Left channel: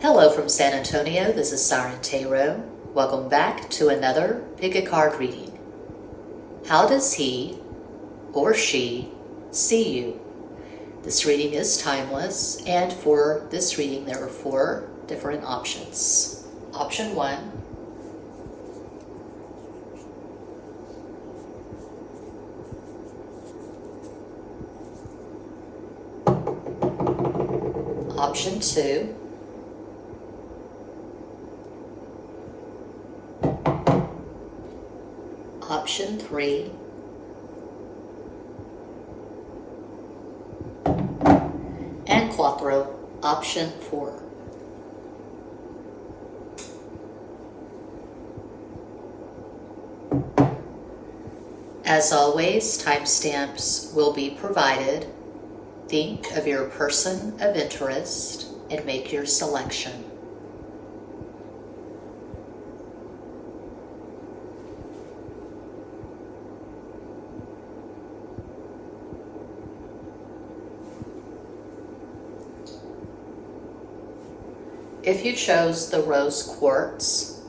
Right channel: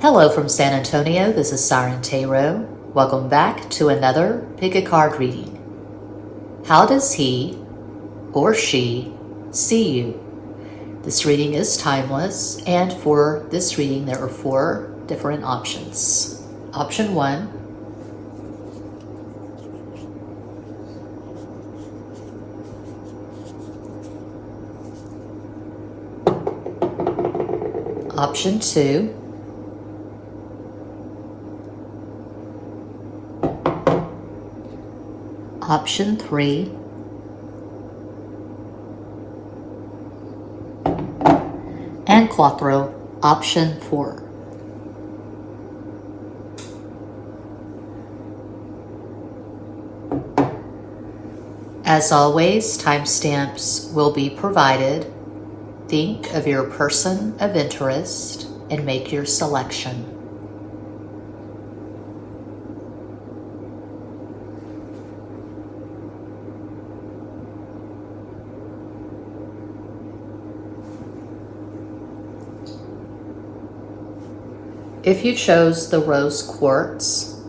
Hello from San Antonio, this is Siren Tarot. Welcome back to another Pick a Card reading. How does he or she see you? This reading is timeless, and for this reading there are 4 different options. Option 1. Option 2. Option 3. And Quattro, option 4. As always, timestamps will be provided. Think of your person of interest and make your selection. If you chose the rose quartz,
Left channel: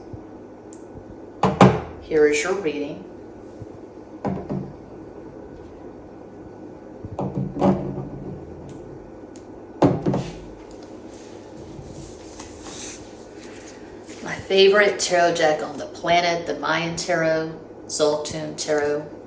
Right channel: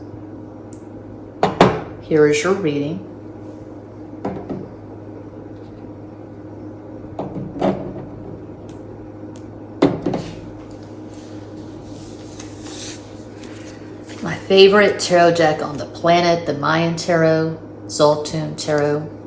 here is your reading. My favorite tarot deck on the planet, the Mayan Tarot, Zoltun Tarot.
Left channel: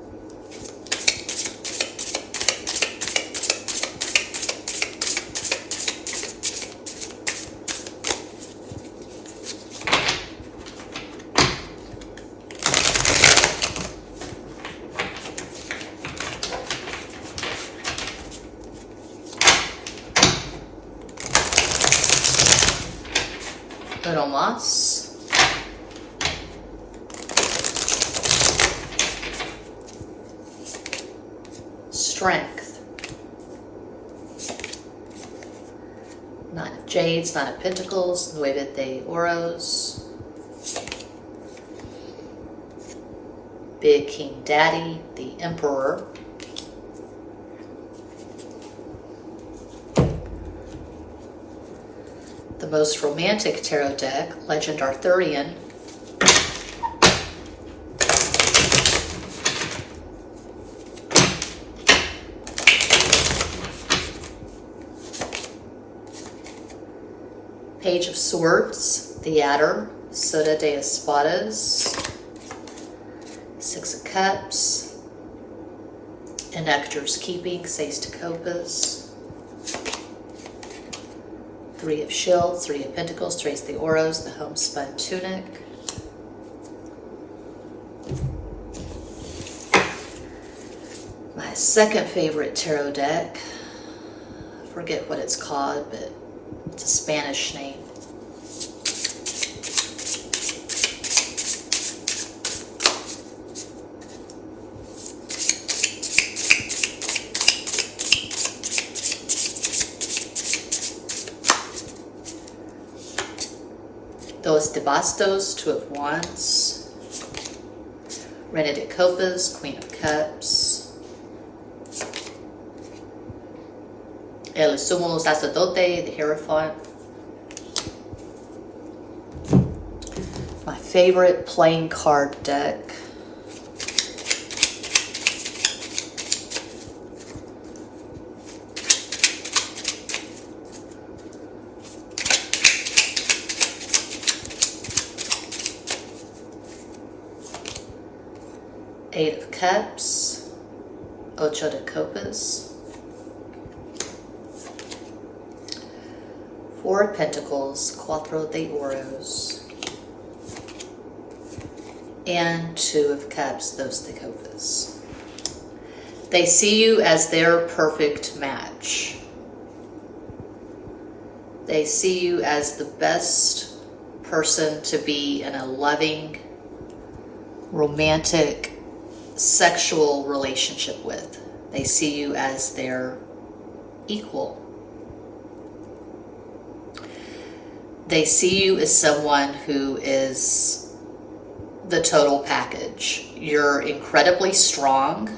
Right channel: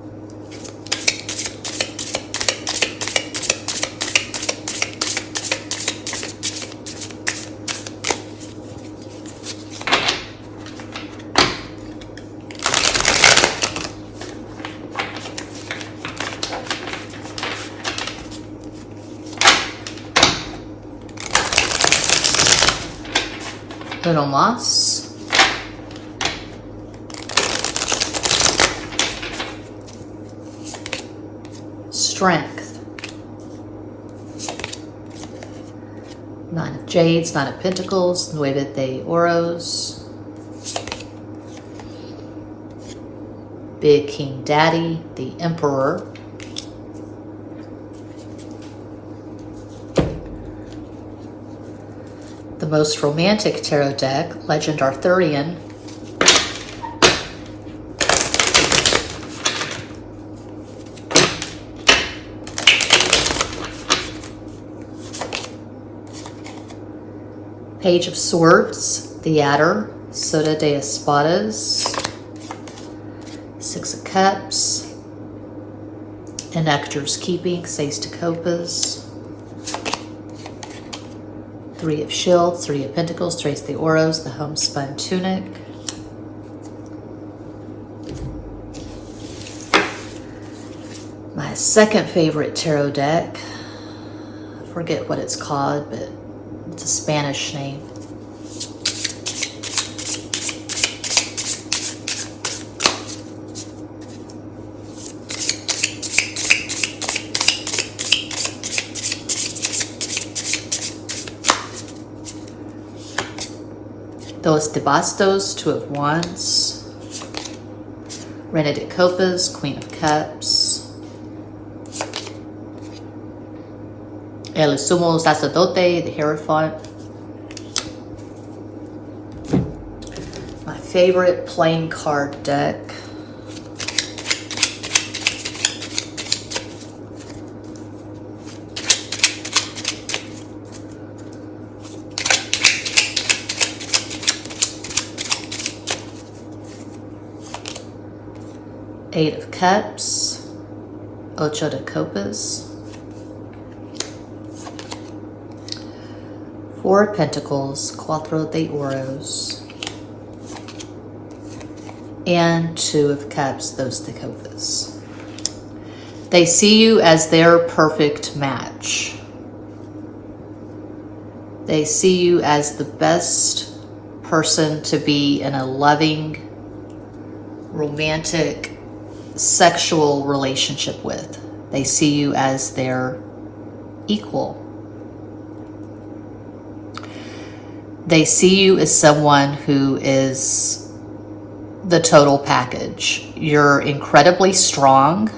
Little moss. Strength. 9 of Jades, 9 of Pentacles, Nueve de Oros. Big King Daddy, the Emperor. The most romantic tarot deck, Legend Arthurian. Page of Swords, the Adder, Soda de Espadas. 6 of Cups, and Nectar's Keeping, Seis de Copas. 3 of Shields, 3 of Pentacles, Tres de Oros, the Homespun Tunic. My second favorite tarot deck, I forget what it's called, but it's a Spanish name. Dos de Bastos, 2 of Wands. Reina de Copas, Queen of Cups. El Sumo Sacerdote, the Hierophant. My favorite playing card deck. Eight of Cups, Ocho de Copas, 4 of Pentacles, Cuatro de Oros, and 2 of Cups, Dos de Copas. They see you as their perfect match. They see you as the best person to be in a loving, romantic, sexual relationship with. They see you as their equal. They see you as someone who is the total package. You're incredibly strong.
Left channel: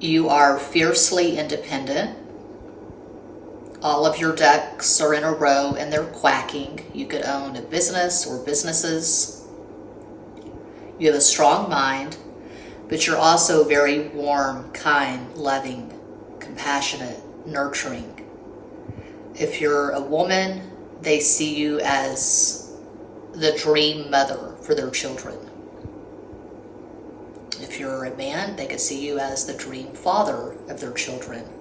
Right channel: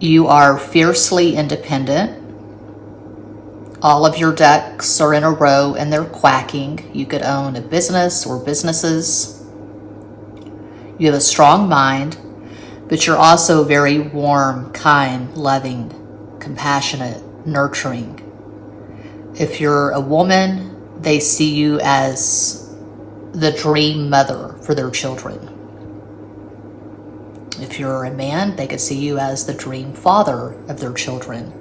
You are fiercely independent. all of your ducks are in a row and they're quacking. You could own a business or businesses. You have a strong mind, but you're also very warm, kind, loving, compassionate, nurturing. If you're a woman, they see you as the dream mother for their children. If you're a man, they could see you as the dream father of their children.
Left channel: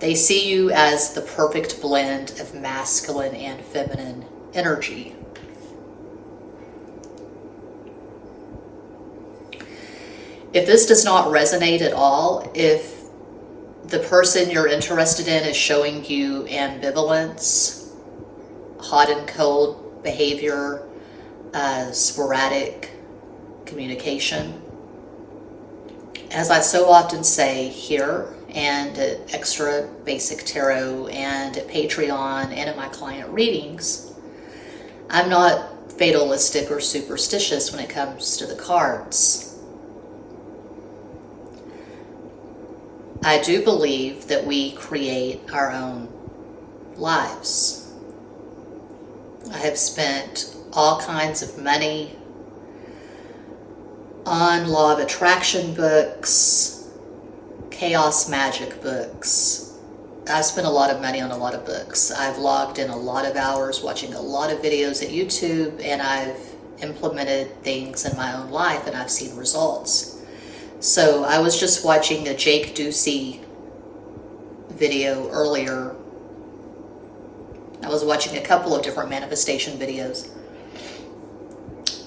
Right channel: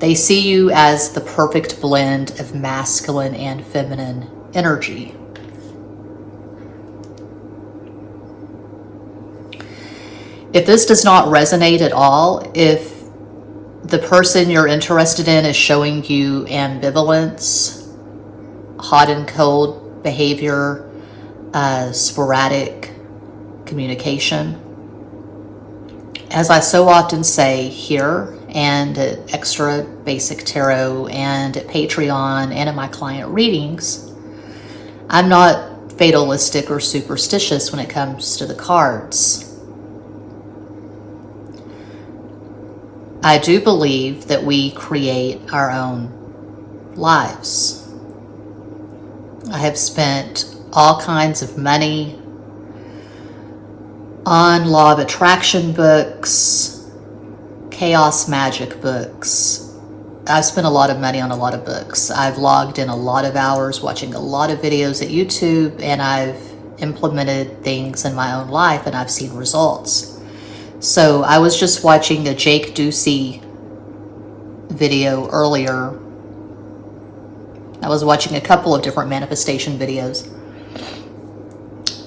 They see you as the perfect blend of masculine and feminine energy. If this does not resonate at all, if the person you're interested in is showing you ambivalence, hot and cold behavior, sporadic communication, as I so often say here and at Extra Basic Tarot and at Patreon and in my client readings, I'm not fatalistic or superstitious when it comes to the cards. I do believe that we create our own lives. I have spent all kinds of money on law of attraction books, chaos magic books. I've spent a lot of money on a lot of books. I've logged in a lot of hours watching a lot of videos at YouTube, and I've implemented things in my own life and I've seen results. So I was just watching a Jake Ducey video earlier. I was watching a couple of different manifestation videos,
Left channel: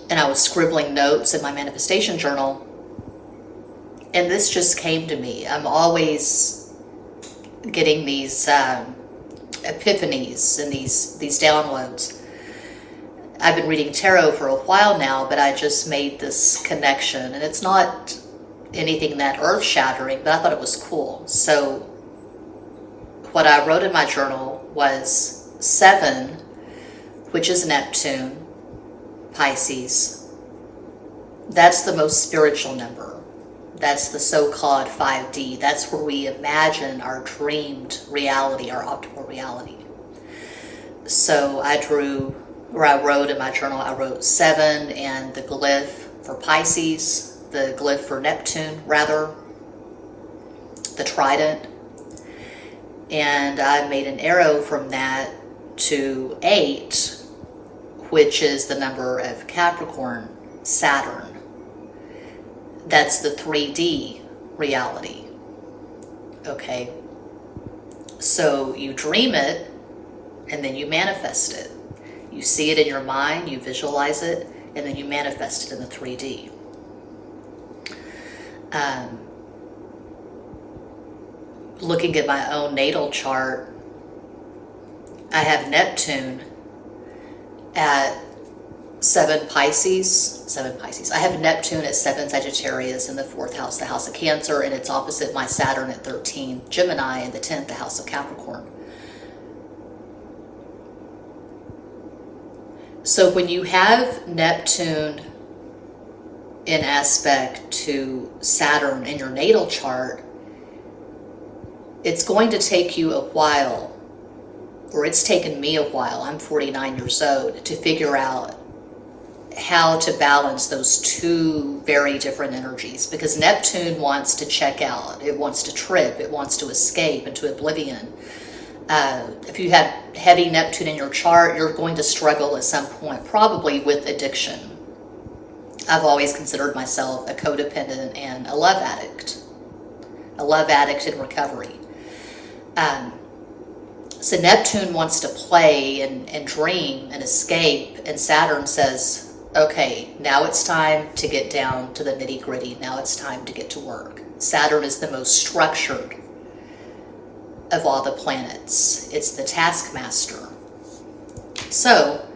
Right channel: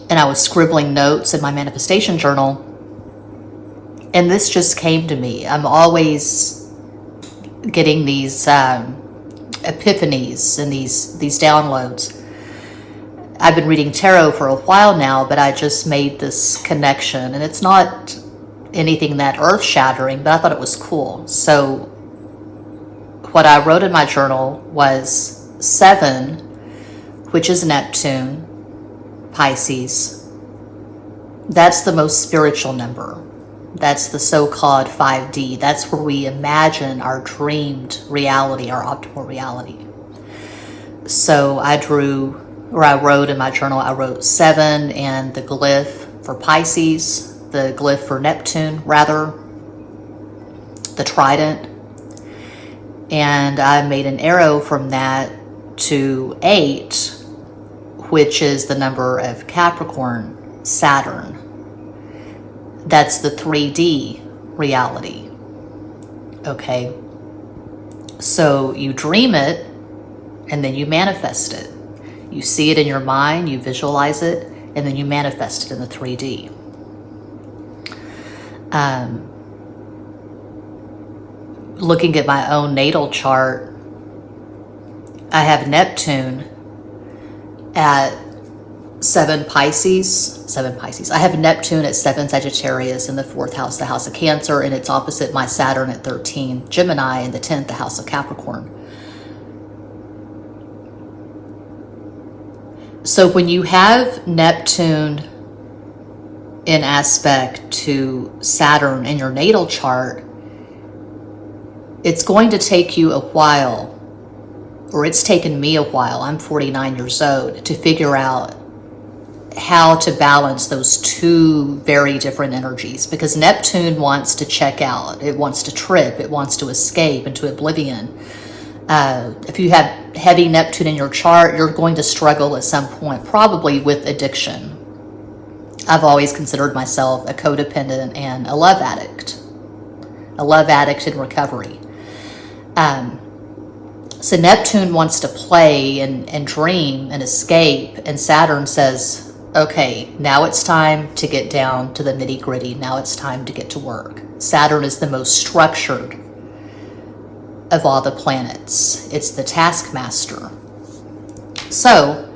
and I was scribbling notes in my manifestation journal, and this just came to me. I'm always getting these epiphanies and these downloads. I've been reading tarot for a while now, but I just made this connection, and it's not anything that earth-shattering, but I thought it was cool. So what I wrote in my journal was 7, which is Neptune, Pisces. That's the most spiritual number. That's the so-called 5D. That's where we imagine our dreamed reality, our optimal reality. So I wrote in my journal, I wrote 7 and the glyph for Pisces, the glyph for Neptune, rather, the trident. And I made an arrow from that to 8, which is the number of Capricorn, Saturn. That's the 3D reality. Okay? So you dream it, and then you manifest it. You see it in your mind, you visualize it, and then you manifest it in the 3D. Looking at my own natal chart, I have Neptune at 7 Pisces. I have Neptune at 7 Sagittarius in the 4th house, the house of Cancer, and it's opposite my Saturn at 13 Gemini in the 10th, the house of Capricorn. So when you have Neptune in aspect to Saturn in your natal chart, it's going to take you a while, or it's taken me a while, I'm 49 years old, to figure out how to balance those two very different energies, because Neptune wants to check out, it wants to trip, it wants to escape into oblivion. If you have heavy Neptune in your chart, you're going to struggle at some point, probably with addiction. I've always considered myself a codependent and a love addict in recovery. So Neptune wants to play and dream and escape, and Saturn says, okay, now it's time to get down to the nitty gritty. Now it's time to get to work. Saturn is the most structured of all the planets. It's the taskmaster. So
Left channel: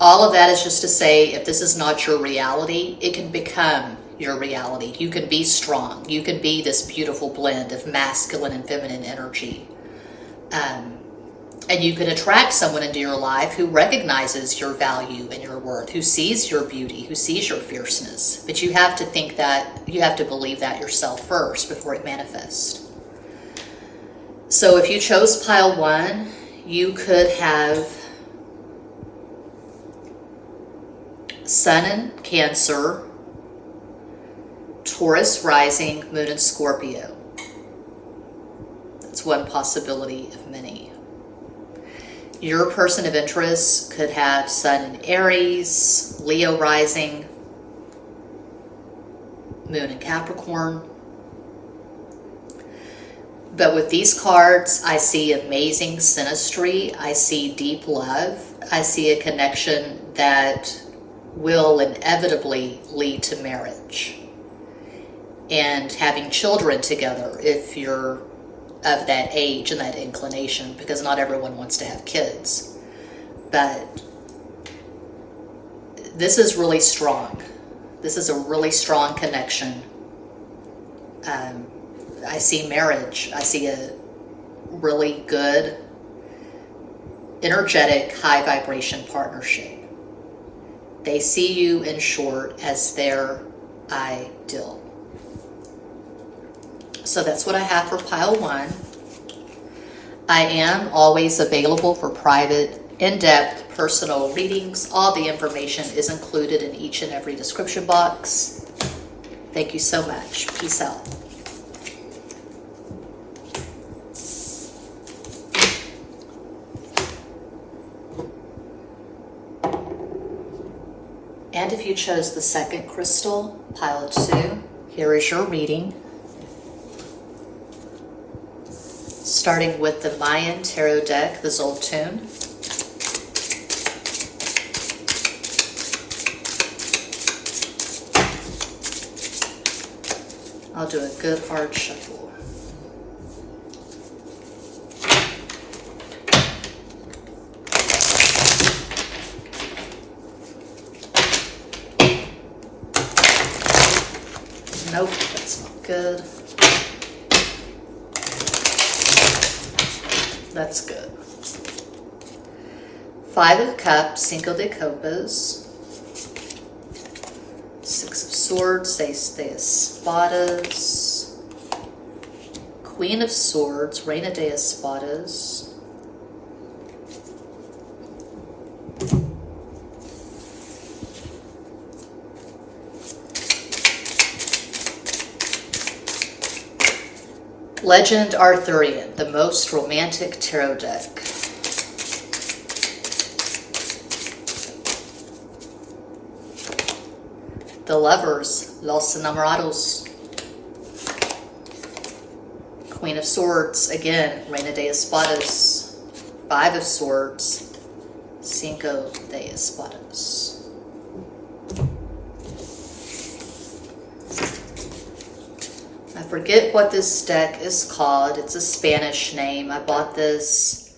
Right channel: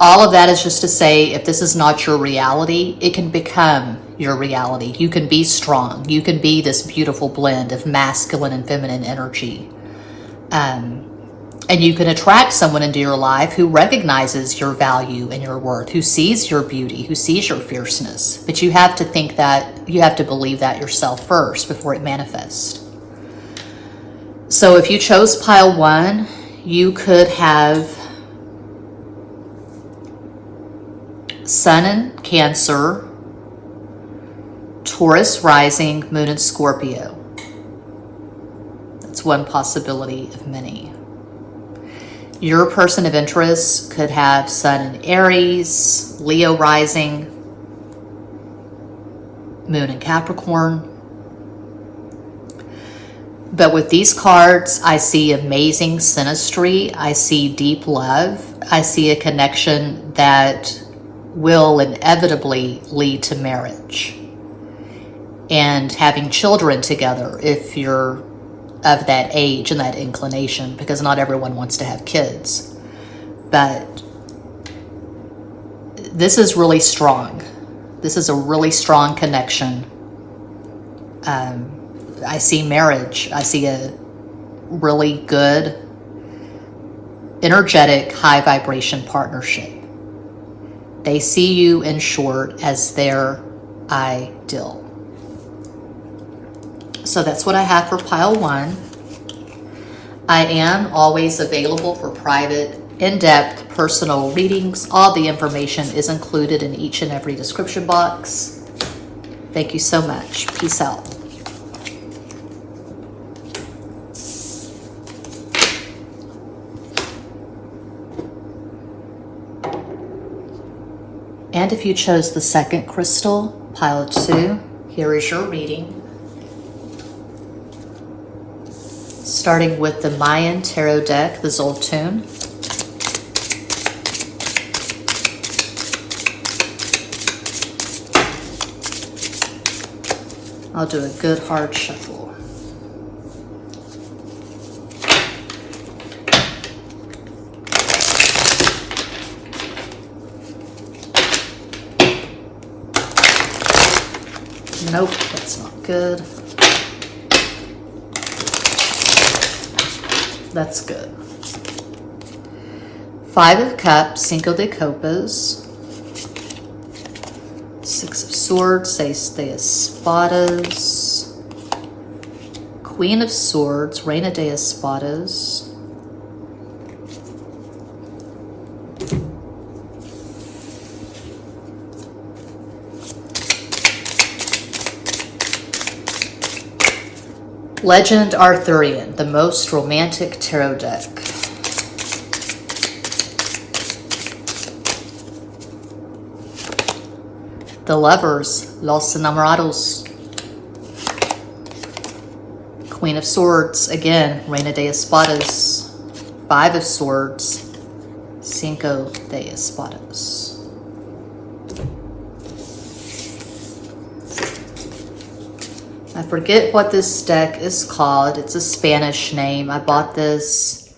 all of that is just to say, if this is not your reality, it can become your reality. You can be strong. You can be this beautiful blend of masculine and feminine energy. And you can attract someone into your life who recognizes your value and your worth, who sees your beauty, who sees your fierceness. But you have to think that, you have to believe that yourself first before it manifests. So if you chose pile 1, you could have Sun in Cancer, Taurus rising, Moon in Scorpio. That's one possibility of many. Your person of interest could have Sun in Aries, Leo rising, Moon in Capricorn. But with these cards, I see amazing synastry. I see deep love. I see a connection that will inevitably lead to marriage and having children together if you're of that age and that inclination, because not everyone wants to have kids. But this is really strong. This is a really strong connection. I see marriage. I see a really good, energetic, high vibration partnership. They see you, in short, as their ideal. So that's what I have for pile 1. I am always available for private, in-depth, personal readings. All the information is included in each and every description box. Thank you so much. Peace out. And if you chose the second crystal, pile 2, here is your reading. Starting with the Mayan Tarot deck, the Zoltun. I'll do a good hard shuffle. Nope, that's not good. That's good. 5 of Cups, Cinco de Copas. 6 of Swords, 6 de Espadas. Queen of Swords, Reina de Espadas. Legend Arthurian, the most romantic tarot deck. The Lovers, Los Enamorados. Queen of Swords, again, Reina de Espadas. 5 of Swords, Cinco de Espadas. I forget what this deck is called. It's a Spanish name. I bought this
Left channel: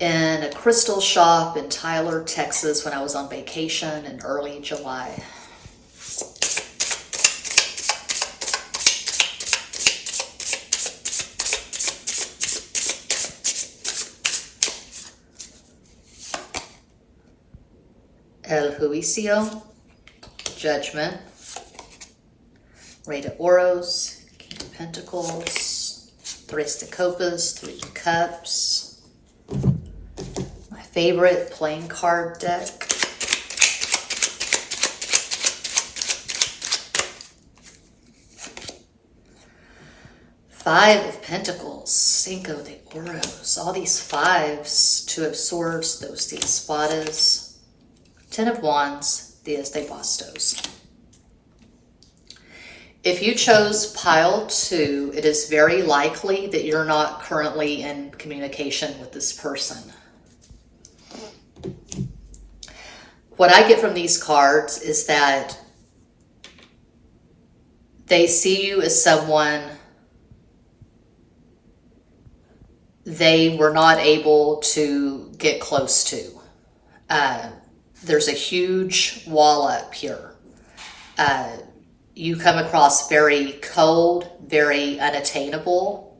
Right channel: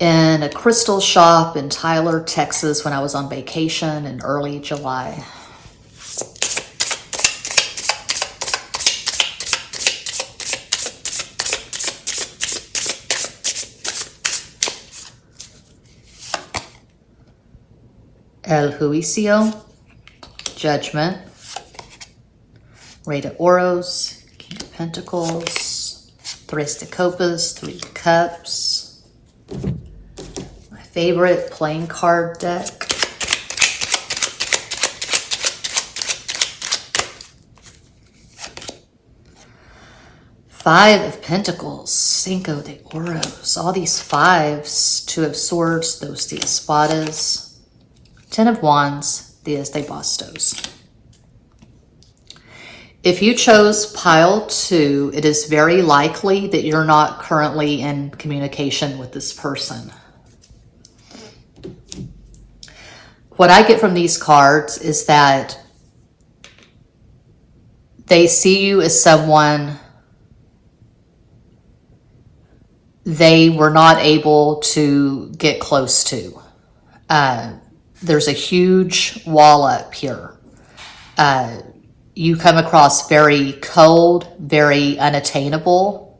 in a crystal shop in Tyler, Texas when I was on vacation in early July. El Juicio, Judgment, Rey de Oros, King of Pentacles, Tres de Copas, 3 of Cups, my favorite playing card deck. Five of Pentacles, Cinco de Oros, all these 5s, 2 of Swords, Dos de Espadas, 10 of Wands, Diez de Bastos. If you chose pile 2, it is very likely that you're not currently in communication with this person. What I get from these cards is that they see you as someone they were not able to get close to. There's a huge wall up here. You come across very cold, very unattainable.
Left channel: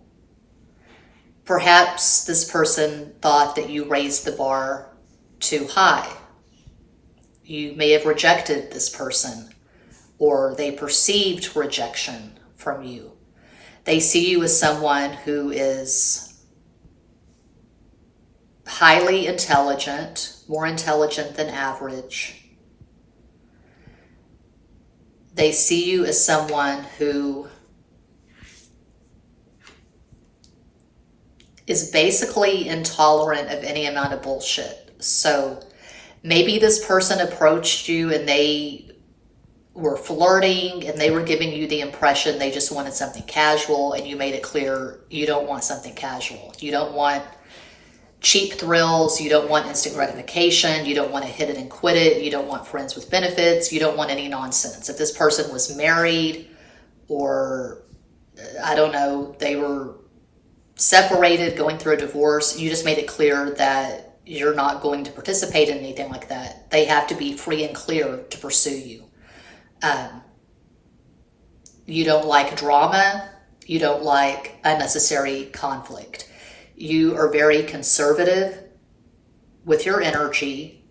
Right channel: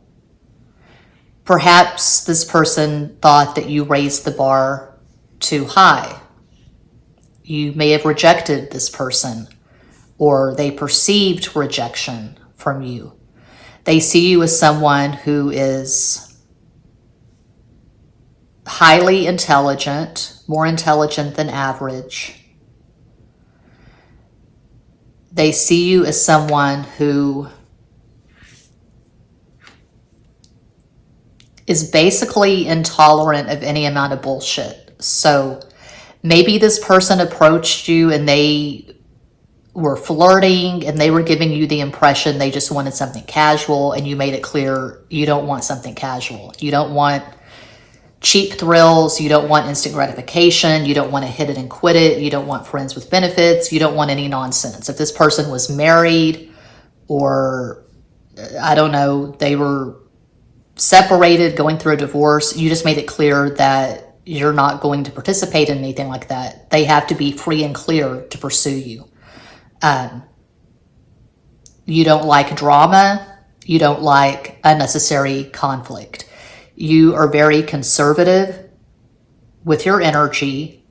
Perhaps this person thought that you raised the bar too high. You may have rejected this person, or they perceived rejection from you. They see you as someone who is highly intelligent, more intelligent than average. They see you as someone who is basically intolerant of any amount of bullshit. So maybe this person approached you and they were flirting and they were giving you the impression they just wanted something casual, and you made it clear you don't want something casual. You don't want cheap thrills. You don't want instant gratification. You don't want to hit it and quit it. You don't want friends with benefits. You don't want any nonsense. If this person was married, or I don't know, they were separated, going through a divorce, you just made it clear that you're not going to participate in anything like that. They have to be free and clear to pursue you. You don't like drama. You don't like unnecessary conflict. You are very conservative with your energy.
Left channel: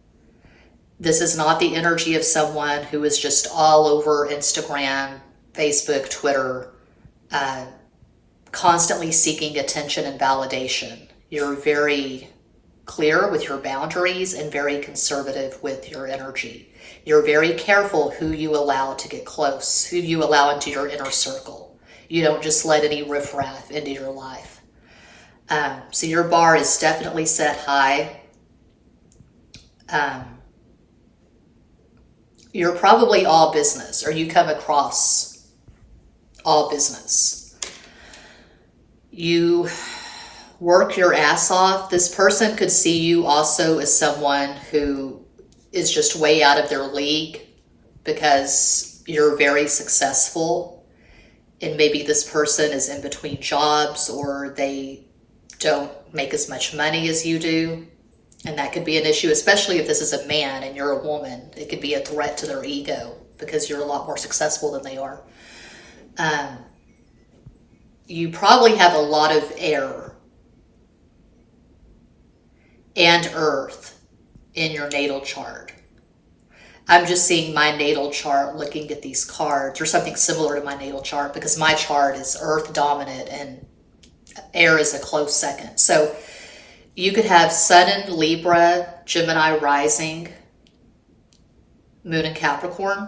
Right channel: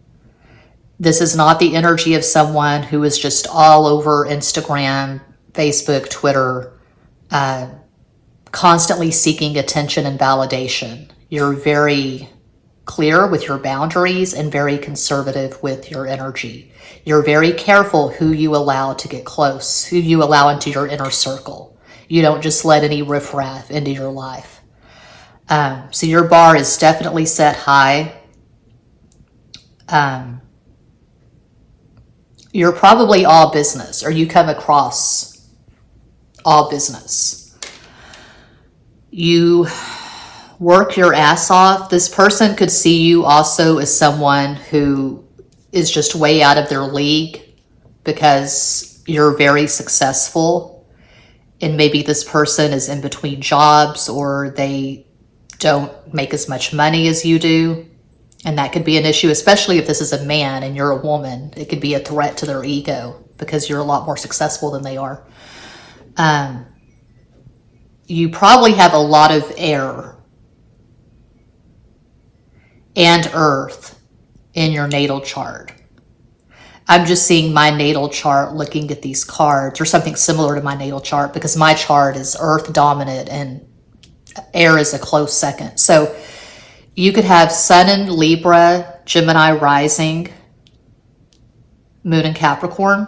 This is not the energy of someone who is just all over Instagram, Facebook, Twitter, constantly seeking attention and validation. You're very clear with your boundaries and very conservative with your energy. You're very careful who you allow to get close, who you allow into your inner circle. You don't just let any riffraff into your life. So your bar is definitely set high. You're probably all business, or you come across all business. You work your ass off. This person could see you also as someone who is just way out of their league because you're very successful, and maybe this person is in between jobs, or they don't make as much money as you do. And that could be an issue, especially if this is a man and you're a woman. It could be a threat to their ego because you're a lot more successful than they are. You probably have a lot of air and earth in your natal chart. I'm just seeing my natal chart, looking at these cards, or something similar to my natal chart, because my chart is earth dominant and air is a close second. So you could have Sun in Libra, Gemini rising, Moon in Capricorn.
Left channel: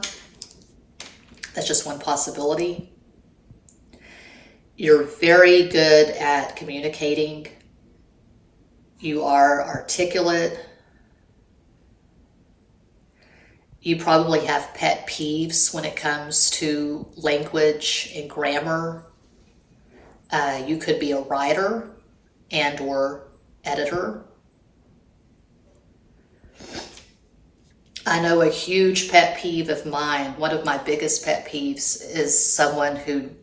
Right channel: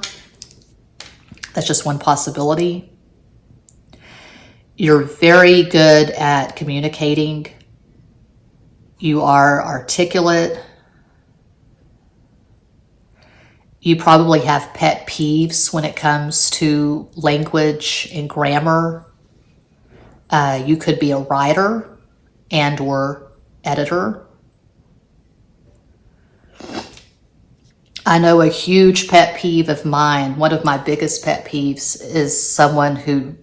That's just one possibility. You're very good at communicating. You are articulate. You probably have pet peeves when it comes to language and grammar. You could be a writer and or editor. I know a huge pet peeve of mine, one of my biggest pet peeves, is someone who,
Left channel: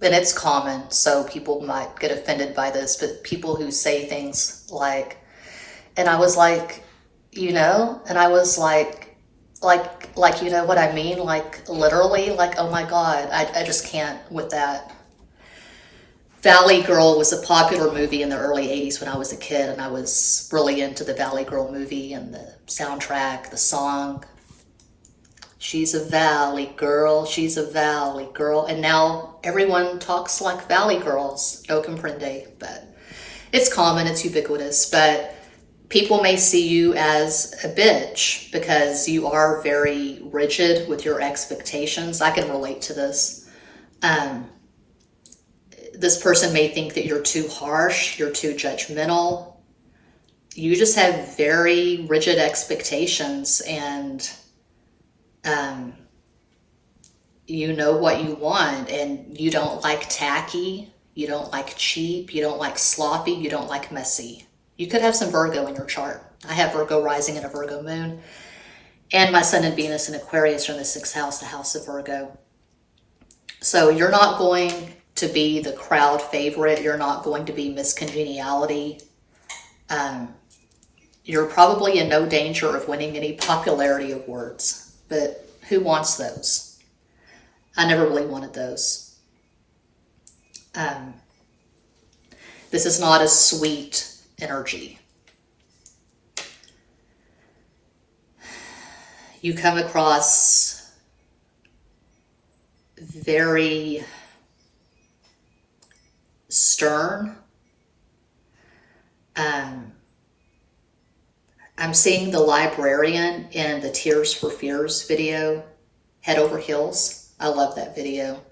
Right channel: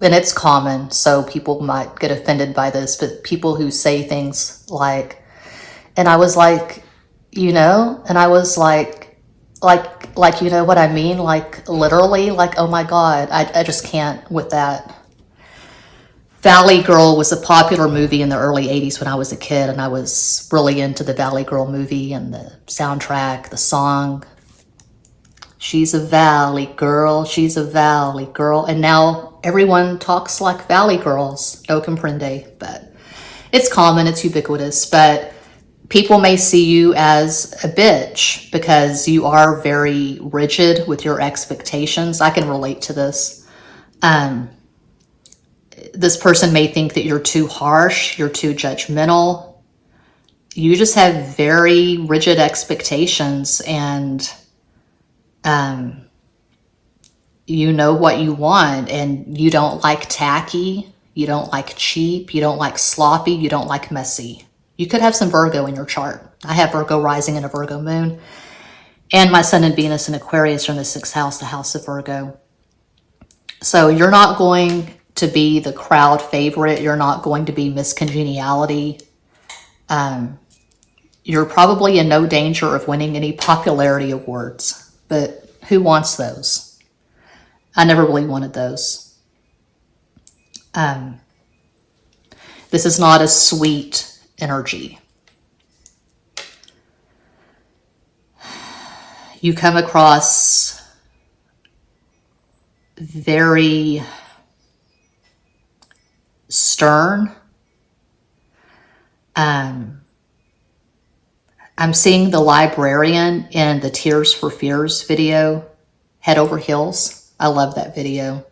and it's common, so people might get offended by this, but people who say things like, and I was like, you know, and I was like, you know what I mean? Like literally, like, oh my God, I just can't with that. Valley Girl was a popular movie in the early 80s when I was a kid, and I was really into the Valley Girl movie and the soundtrack, the song. She's a valley girl, she's a valley girl. And now everyone talks like valley girls, no comprende, but it's common, it's ubiquitous. But people may see you as a bitch because you are very rigid with your expectations. I can relate to this. This person may think that you're too harsh, you're too judgmental. You just have very rigid expectations, and you know what you want, and you don't like tacky, you don't like cheap, you don't like sloppy, you don't like messy. You could have some Virgo in your chart. I have Virgo rising and a Virgo moon, and my Sun and Venus in Aquarius are in the 6th house, the house of Virgo. So you're not going to be the crowd favorite. You're not going to be Miss Congeniality. You're probably in no danger of winning any popularity awards, but who wants those? I never really wanted those. This is not a sweet energy. You come across very stern, I'm seeing the librarian in the Tears for Fears video, Head Over Heels. I love that video.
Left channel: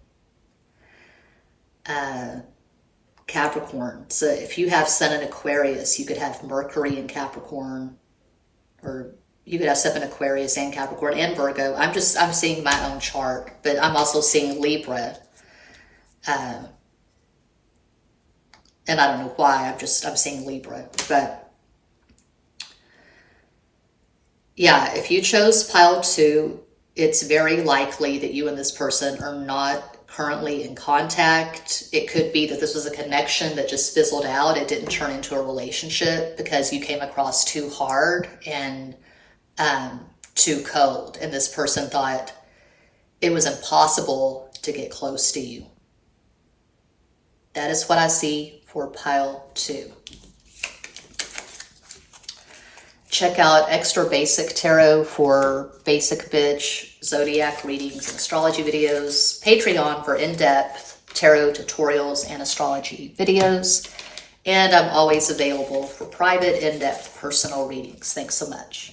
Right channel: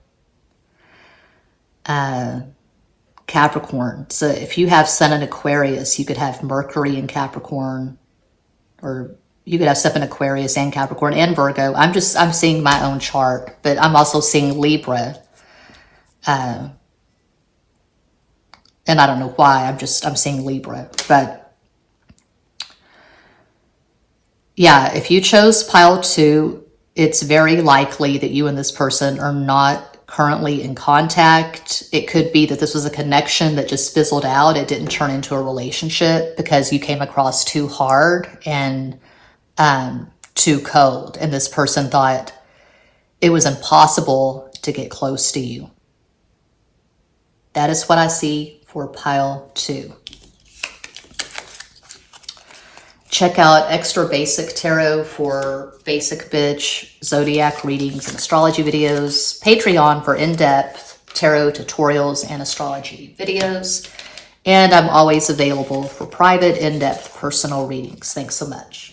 Capricorn. So if you have Sun in Aquarius, you could have Mercury in Capricorn, or you could have stuff in Aquarius and Capricorn and Virgo. I'm seeing my own chart, but I'm also seeing Libra. And I don't know why, I'm seeing Libra, but yeah, if you chose pile 2, it's very likely that you and this person are not currently in contact. It could be that this was a connection that just fizzled out. It didn't turn into a relationship because you came across too hard and too cold. And this person thought it was impossible to get close to you. That is what I see for pile 2. Check out Extra Basic Tarot for basic bitch zodiac readings and astrology videos. Patreon for in-depth tarot tutorials and astrology videos. And I'm always available for private, in-depth personal readings. Thanks so much.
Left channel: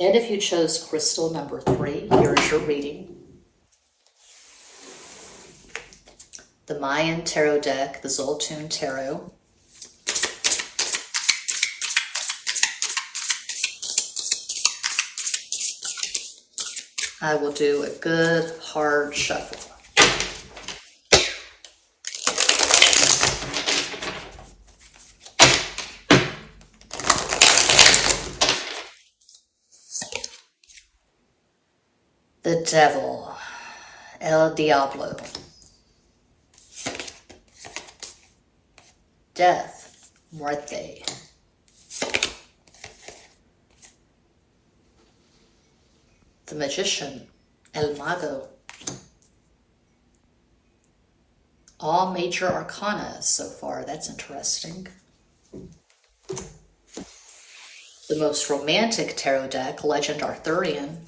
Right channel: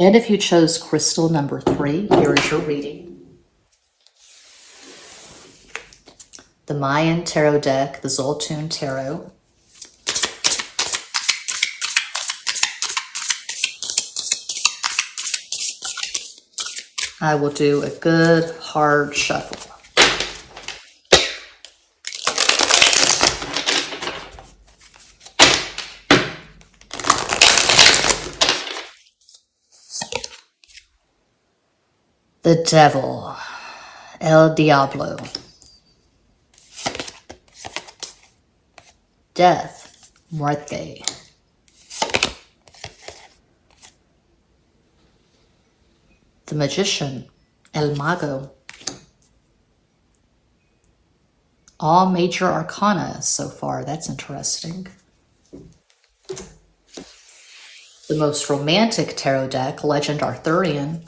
And if you chose crystal number 3, here is your reading. The Mayan Tarot deck, the Zoltun Tarot. I will do a good hard shuffle. The Devil, El Diablo. Death, Muerte. The Magician, El Mago. All major arcana so far. That's interesting. The most romantic tarot deck, Legend Arthurian.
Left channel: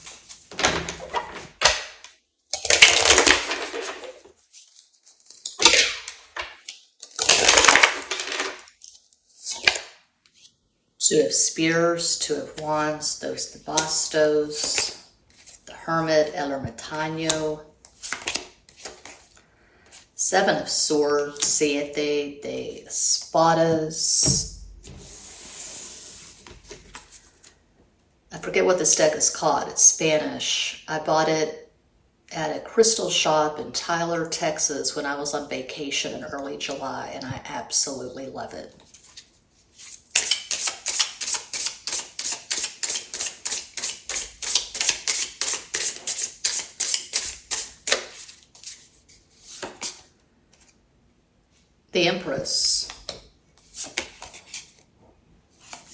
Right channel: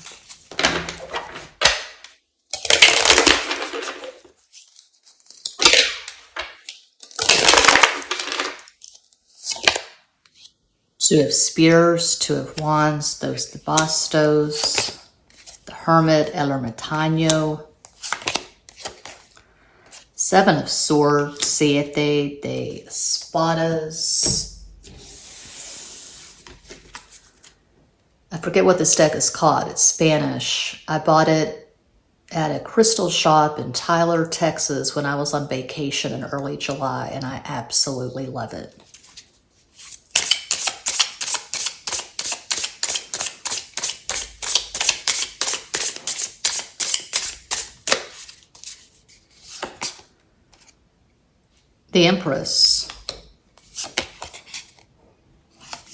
Two of Spears, Two of Wands, Dos de Bastos, the Hermit, El Ermitaño, Seven of Swords, Siete de Espadas. I forget what this deck is called. It's Spanish. I bought it at a crystal shop in Tyler, Texas when I was on vacation in early July, and I absolutely love it. The Empress,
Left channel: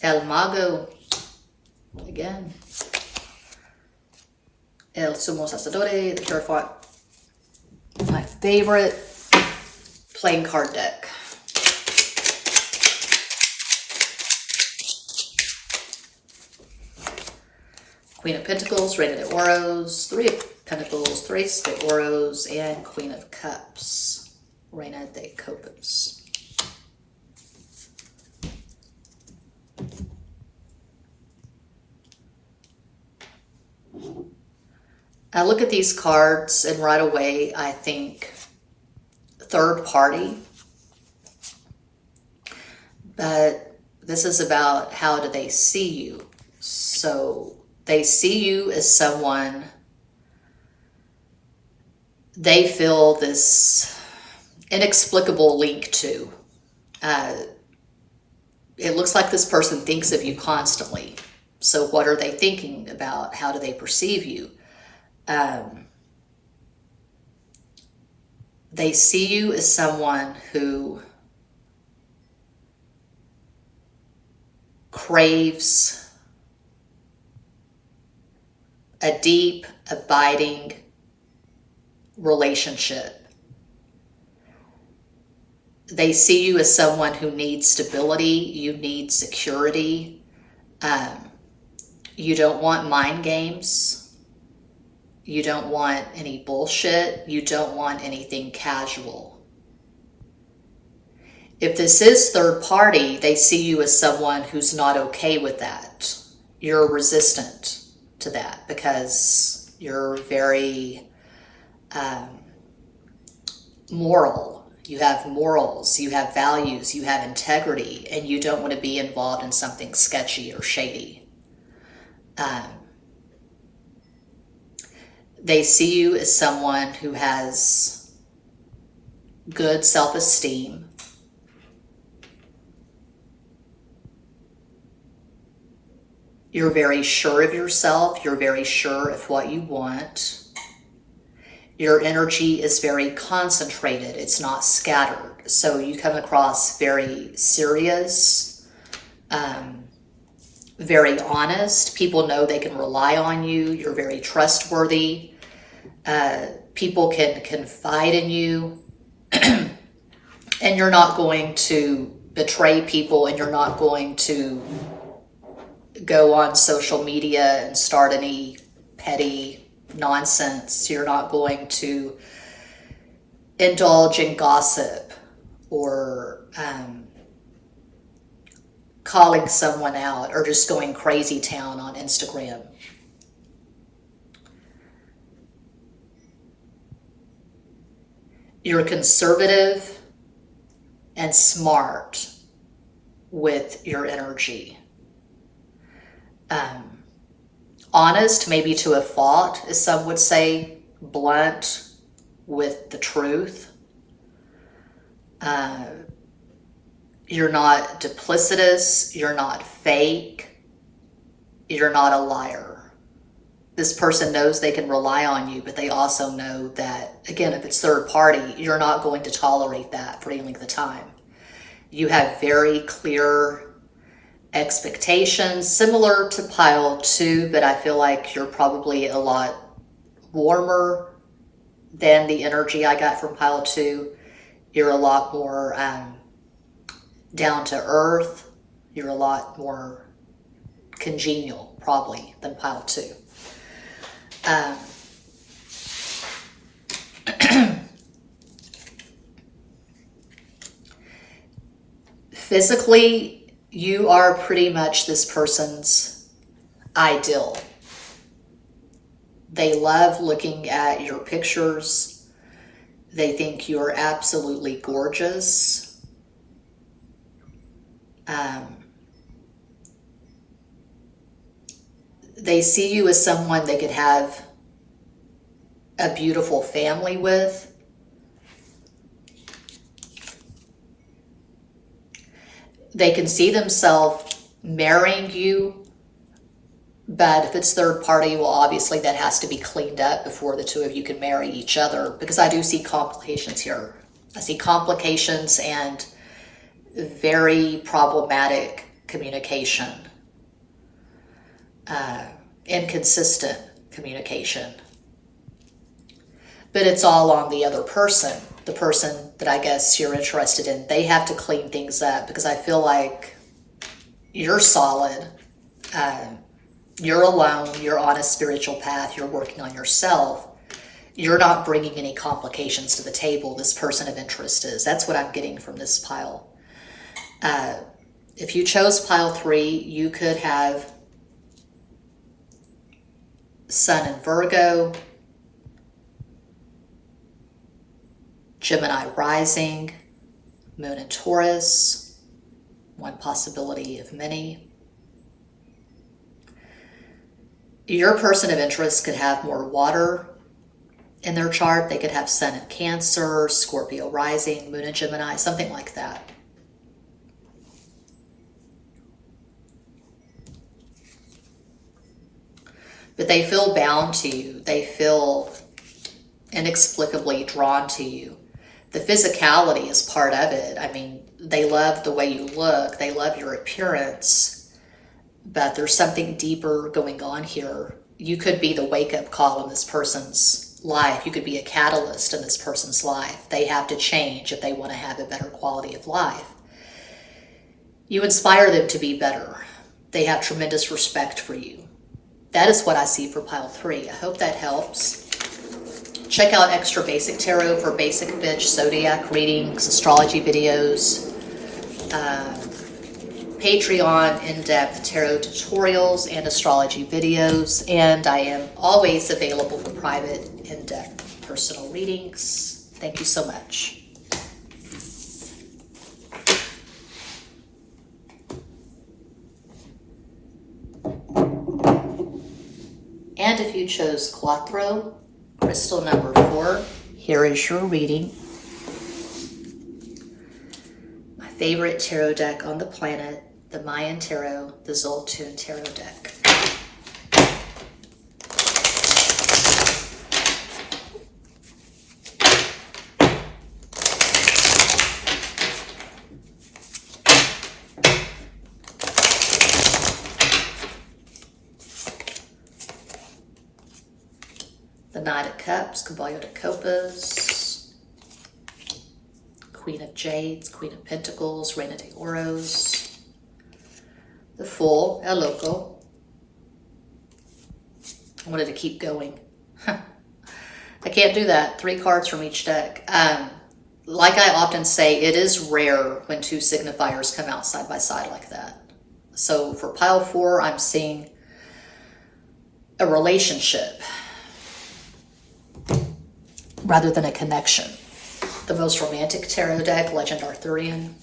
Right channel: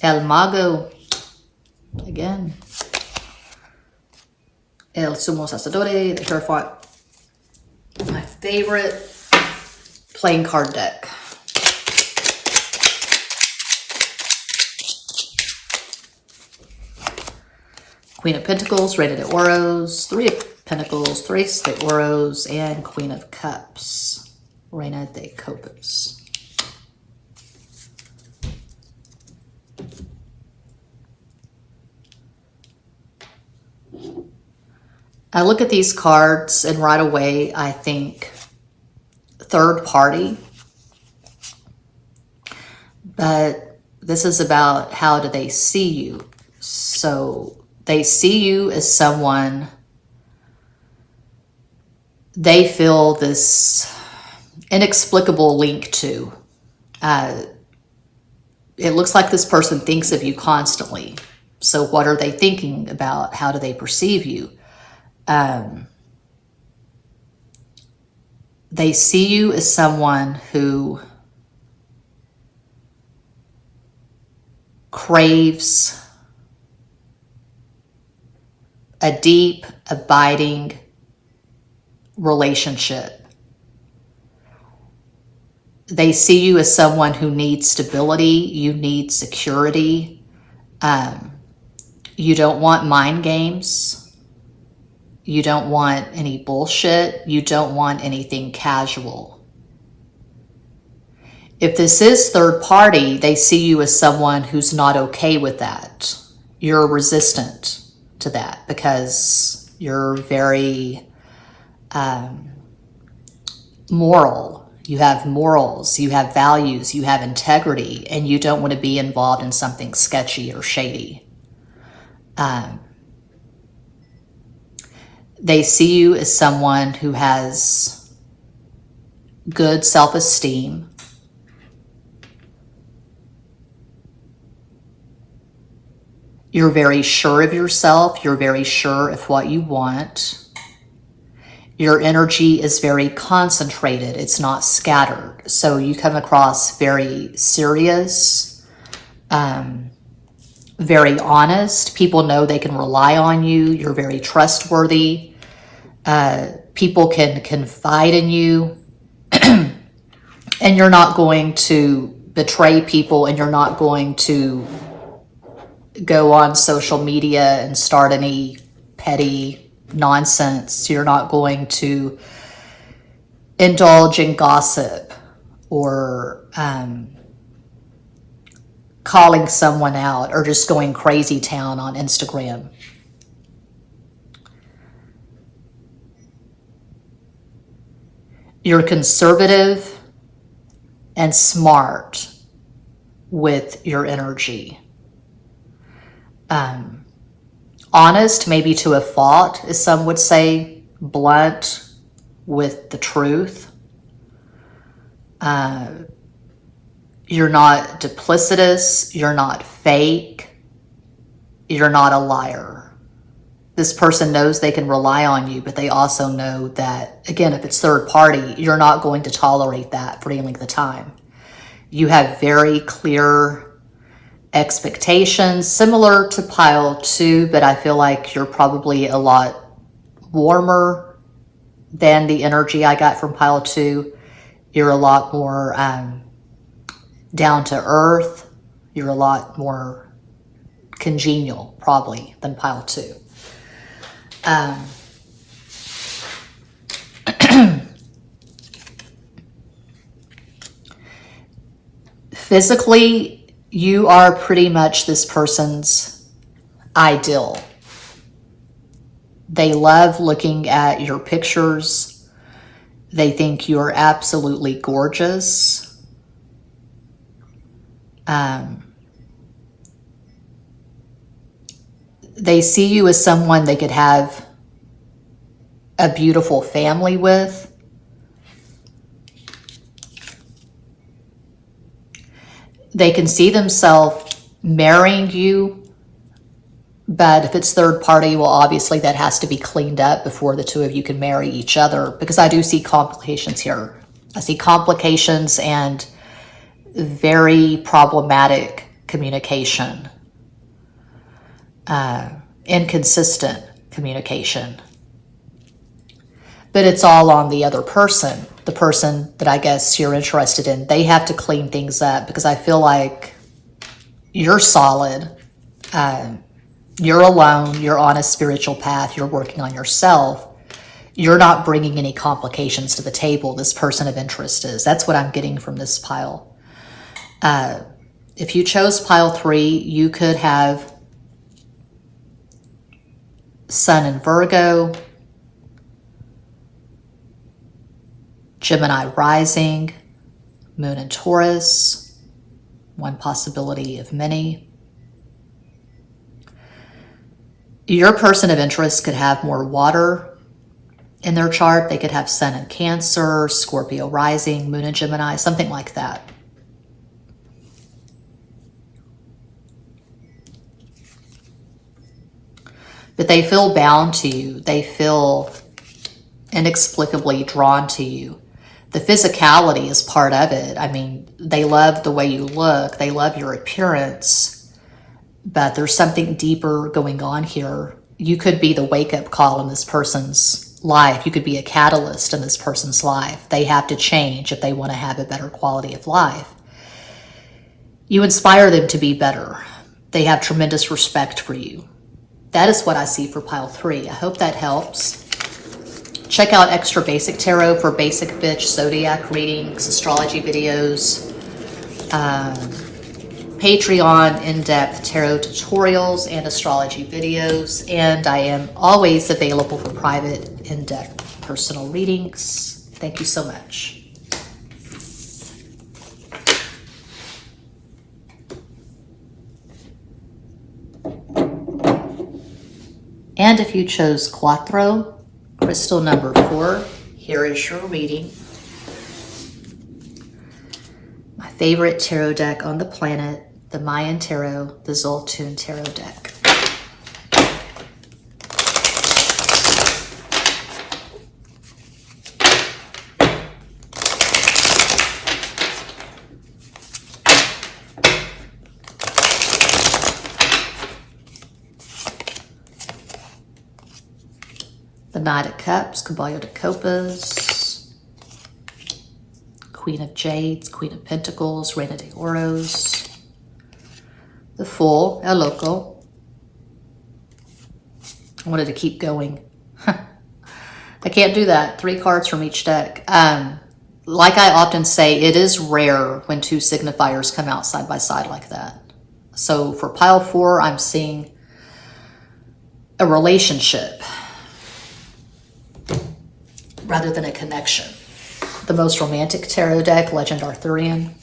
El Mago, again, El Sumo Sacerdote, the Hierophant, my favorite playing card deck. Queen of Pentacles, Reina de Oros, Three of Pentacles, Tres de Oros, and Queen of Cups. Reina de Copas. I look at these cards and right away I think third party, but this is about how do they see you. So they see you as someone they feel this inexplicable link to. It looks like this person thinks of you constantly. So what are they thinking about? How do they perceive you? They see you as someone who craves a deep, abiding relationship. They see you as someone who needs stability. You need security. You don't want mind games. You don't want any bullshit. You don't want anything casual. If this is third party, they see you as someone who's not okay with that. You're resistant to that because you're very moral. You have morals, you have values, you have integrity, and you don't want to be involved in something sketchy or shady. They see you as someone who has good self-esteem. You're very sure of yourself. You're very sure of what you want. Your energy is very concentrated. It's not scattered. So you come across very serious, very honest. People know they can rely on you. You're very trustworthy. People can confide in you. And you're not going to betray people, and you're not going to go on social media and start any petty nonsense. You're not going to indulge in gossip or calling someone out or just going crazy town on Instagram. You're conservative and smart with your energy. Honest, maybe to a fault, as some would say, blunt with the truth. You're not duplicitous, you're not fake, you're not a liar. This person knows they can rely on you, but they also know that, again, if it's third party, you're not going to tolerate that for any length of time. You have very clear expectations, similar to pile 2, but I feel like you're probably a lot warmer than the energy I got from pile 2. You're a lot more down to earth. You're a lot more congenial, probably, than pile 2. Physically, you are pretty much this person's ideal. They love looking at your pictures. They think you're absolutely gorgeous. They see you as someone they could have a beautiful family with. They can see themselves marrying you, but if it's third party, well, obviously that has to be cleaned up before the two of you can marry each other, because I do see complications here. I see complications and very problematic communication, inconsistent communication. But it's all on the other person, the person that I guess you're interested in. They have to clean things up, because I feel like you're solid. You're alone. You're on a spiritual path. You're working on yourself. You're not bringing any complications to the table. This person of interest is. That's what I'm getting from this pile. If you chose pile 3, you could have Sun in Virgo, Gemini rising, Moon in Taurus, one possibility of many. Your person of interest could have more water in their chart. They could have Sun in Cancer, Scorpio rising, Moon in Gemini, something like that. But they feel bound to you. They feel inexplicably drawn to you. The physicality is part of it. I mean, they love the way you look. They love your appearance. But there's something deeper going on here. You could be the wake-up call in this person's life. You could be a catalyst in this person's life. They have to change if they want to have a better quality of life. You inspire them to be better. They have tremendous respect for you. That is what I see for pile 3. I hope that helps. Check out Extra Basic Tarot for basic bitch zodiac readings, astrology videos, Patreon in-depth tarot tutorials and astrology videos, and I am always available for private in-depth personal readings. Thank you so much. And if you chose Quattro, crystal number 4, here is your reading. My favorite tarot deck on the planet, the Mayan Tarot, the Zoltun Tarot deck. The Knight of Cups, Caballo de Copas, Queen of Jades, Queen of Pentacles, Reina de Oros, the Fool, El Loco. I wanted to keep going. I can't do that. 3 cards from each deck. Like I often say, it is rare when 2 signifiers come out side by side like that. So for pile 4, I'm seeing a relationship rather than a connection. The most romantic tarot deck, Legend Arthurian.